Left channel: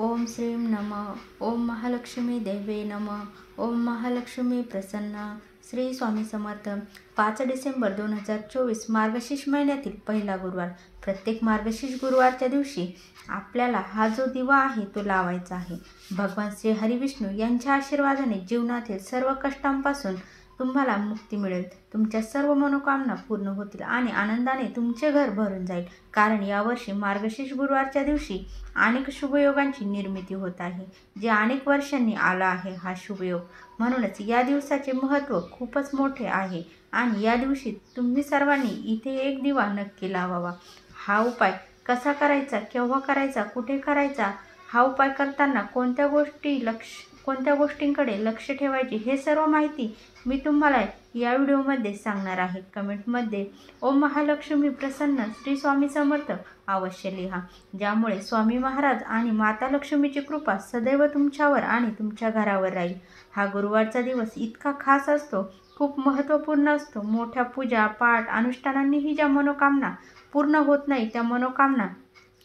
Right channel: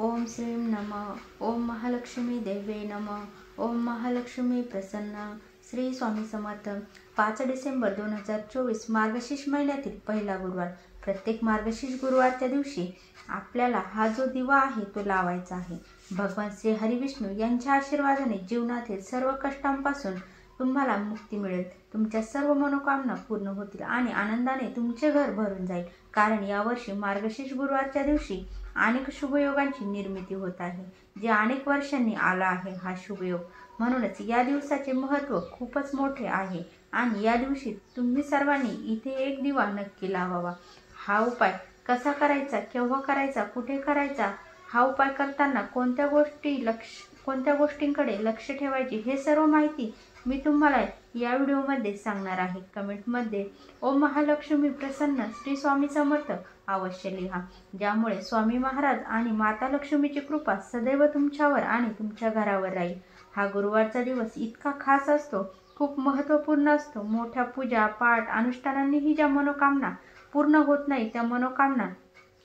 ओम श्रीं नमः. ओम महालक्ष्मी देवे नमः. ओम महालक्ष्मी प्रसन्न. श्री स्वामी समर्थ. 5 डिसेंबर 2024 मार्गशीर्ष महिन्यातील पहिला गुरुवार. प्रत्येक मार्गशीर्ष गुरुवारच्या दिवशी आपल्याला हा जो दिवा आहे तो लावायचा आहे. भगवान श्री हरी विष्णू यांच्या आशीर्वादाने जीवनातील सर्व कष्टांपासून तुम्हाला मुक्ती मिळेल. तुमच्या सर्व मनोकामना पूर्ण होतील आणि आनंदाने तुमचे घर भरून जाईल. कारण यावर्षी मार्गशीर्ष गुरुवारच्या दिवशी अनेक शुभयोगांची निर्मिती होत आहे, जे अनेक वर्षांनी आला आहे हा शुभयोग. म्हणूनच या दिवसाचे महत्त्व खूपच मोठे आहे आणि या दिवशी तुम्ही सर्वांनी इथे एक दिवा नक्की लावावा. हा उपाय कसा करायचा, केव्हा करायचा, कुठे करायचा, हा उपाय करताना कोणत्या गोष्टींकडे लक्ष ठेवायचे, हे सर्व माहिती मी तुम्हाला या व्हिडिओमध्ये सांगणार आहे. कमेंटमध्ये ओम महालक्ष्मी प्रसन्न श्री स्वामी समर्थ अवश्य लिहा, ज्यामुळे स्वामी महाराज आणि माता लक्ष्मीची कृपा सदैव तुमच्यावर आणि तुमच्या घरावर राहील. हा गुरुवारचा दिवस इतका खास असतो, खूप महत्त्वपूर्ण असतो. मोठ्या पूजा पाठ अनुष्ठानांनीही ज्या मनोकामना पूर्ण होत नाही त्या मनोकामना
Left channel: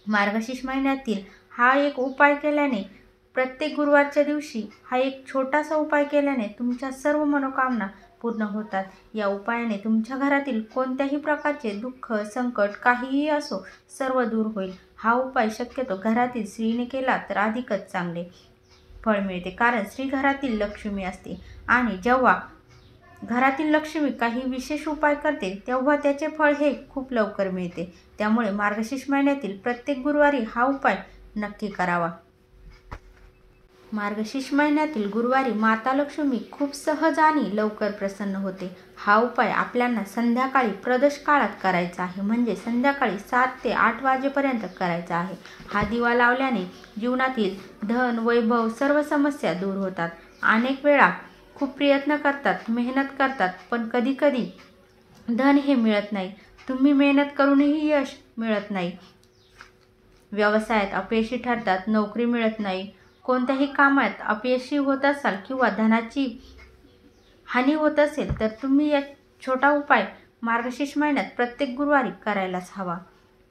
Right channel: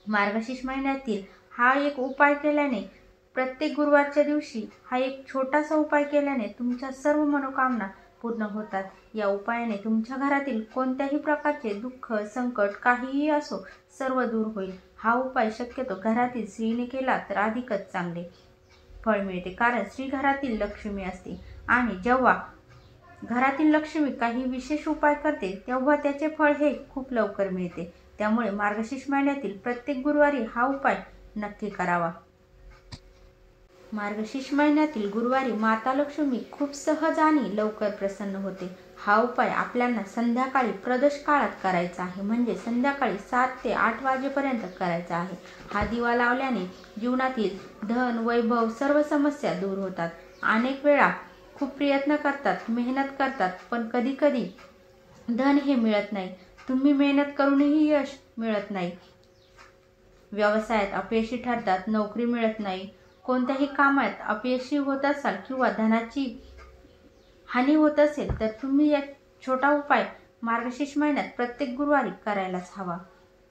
मार्गशीर्ष महिन्यातील हा एक उपाय केल्याने, प्रत्येक गुरुवारच्या दिवशी हा एक छोटासा उपाय केल्याने तुमच्या सर्व मनोकामना पूर्ण होतात. या उपायाने तुमच्या घरातील कोणत्याही प्रकारचे दुःख संकट काहीही असो सर्व दूर होईल. हा उपाय शक्यतो घरातील स्त्रीने केला तर अधिकच चांगले फळ मिळते, कारण स्त्री घरातील लक्ष्मी असते आणि जेव्हा घरातील लक्ष्मी काही विशेष उपाय करते तेव्हा त्याचे फळ हे खूप लवकर मिळते. त्यामुळे मार्गशीर्ष महिन्यातील प्रत्येक गुरुवारी हा उपाय नक्की करावा. मार्गशीर्ष महिन्यातील गुरुवारी माता लक्ष्मी खूप सहज आणि लवकर प्रसन्न होते. हा उपाय आपल्याला संध्याकाळी प्रदोष काळात करायचा आहे, म्हणजे संध्याकाळी 7 ते 8 वाजेपर्यंत करायचा आहे. हा दिवा लावल्याने जीवनातील धन वैभव सर्व समस्या दूर होतात. अनेक वेळा खूप प्रयत्न करतात, मेहनत करतात, पण कधी धन हे मिळत नाही. तुम्ही मेहनत करूनही यश मिळत नाही. व्यवसायात अपयशी ठरतात, नोकरी मिळत नाही, कोणत्याही कामात अपयशी होत असाल किंवा धनाची हानी होत असेल तर तुम्ही एक छोटा उपाय मार्गशीर्ष महिन्यात प्रत्येक गुरुवारी करायलाच हवा.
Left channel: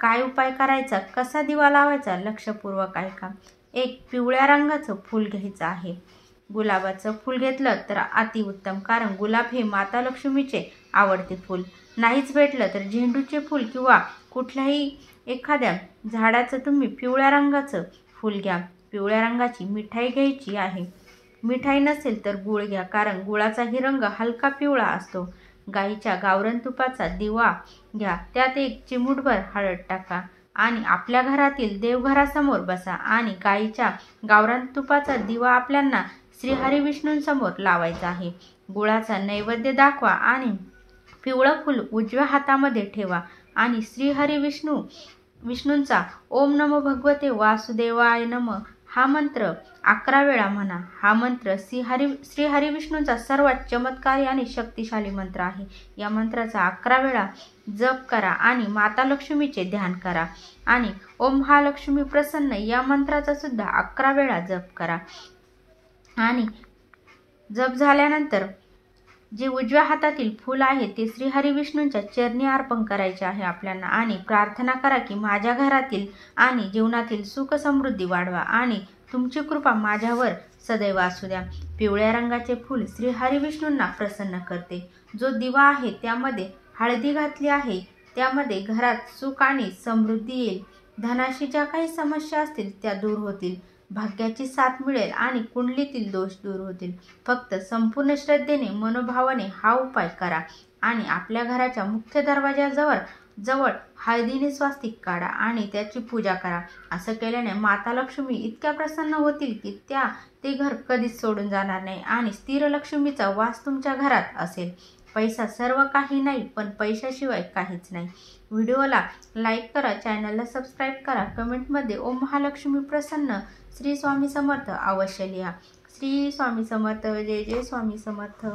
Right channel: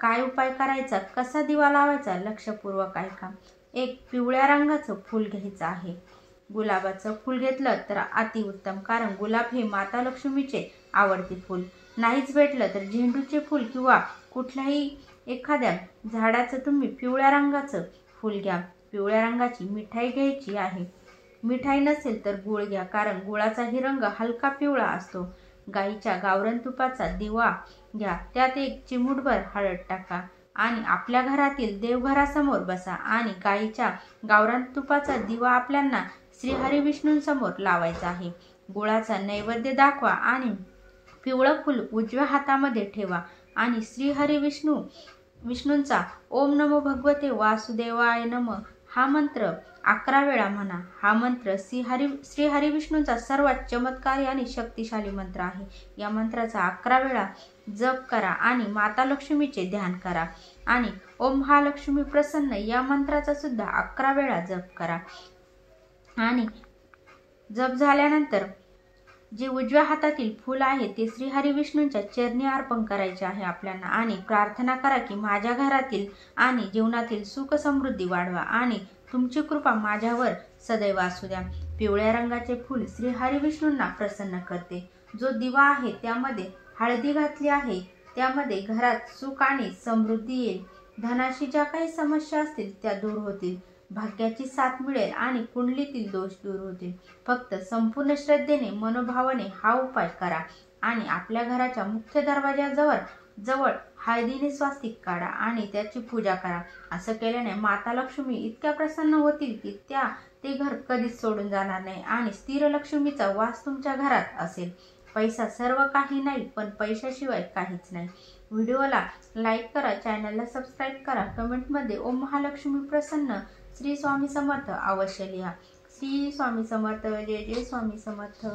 काय उपाय करायचा, कसा दिवा लावायचा, लक्षपूर्वक ऐका. एक पिवळ्या रंगाचं फूल घ्यायचं आहे. गुलाबाचं फूल घेतलं तर अतिउत्तम, कारण गुलाब हे माता लक्ष्मीचे आवडते फूल. नाहीच भेटलं तर झेंडूचे फूल किंवा कुठल्याही एखाद्या झाडाचं तुम्ही पिवळ्या रंगाचं फूल घ्या. पिवळ्या रंगाची मिठाई घ्यायची आहे. मिठाई नसेल तर गूळ घ्या, कारण गुळाचाही रंग हलका पिवळा असतो. गाईच्या गावरान तुपाचा दिवा घ्या, त्यात एक चिमूटभर हळद टाका आणि आपल्या घरातील देवघरासमोर बसा आणि गाईच्या गावरान तुपाचा दिवा आपल्याला श्री हरी विष्णूंसमोर लावायचा आहे. गुळाचा नैवेद्य दाखवा आणि पिवळं फूल उजव्या हातामध्ये ठेवा आणि श्री हरी विष्णूंचा ओम नमो भगवते वासुदेवाय नमः हा मंत्र 11 वेळा म्हणा. हा मंत्र श्री हरी विष्णूंचा सर्वात चमत्कारी आणि शक्तिशाली मंत्र आहे. या मंत्राचा 11 वेळा जप करा आणि माता लक्ष्मीचे ध्यान करा आणि ओम महालक्ष्मी प्रसन्न या मंत्राचा सुद्धा 11 वेळा जप करा. आणि जप झाल्यानंतर जे उजव्या हातातील फूल आहे ते श्री हरी विष्णूंच्या चरणी अर्पण करायचे आहे आपल्याला आणि प्रार्थना करा की माझ्या घरातील आणि जीवनातील सुख समृद्धी वाढवा आणि तुमची कृपा माझ्यावर सदैव असू द्या. पिवळ्या रंगाचे फूल श्री हरी विष्णूंना प्रसन्न करते. जो दिवा आहे त्यामध्ये हळदी घातली आहे, त्यामध्ये घरात सुख आणि समृद्धी येईल. धनाशी ज्या काही समस्या असतील त्या दूर होतील. भाग्याची साथ मिळेल आणि कुंडलीतील दोष दूर होतील. फक्त संपूर्ण श्रद्धेने मनोभावाने हा उपाय करा आणि आपल्या घराच्या मुख्य दरवाजाजवळ हळदीने स्वास्तिक काढा आणि त्याची पूजा करा. असं केल्याने माता लक्ष्मी इतक्या प्रसन्न होतील की ते घर कधीच सोडून जाणार नाही आणि स्थिर लक्ष्मीचा वास तुमच्या घरात असेल. पैसा सर्व काही नाही, पण पैशाशिवाय काहीच नाही. व्हिडिओला लाईक करा, चॅनलला सबस्क्राईब करा. कमेंटमध्ये ओम महालक्ष्मी प्रसन्न श्री स्वामी समर्थ अवश्य लिहा. श्री स्वामी समर्थ. जय जय स्वामी समर्थ.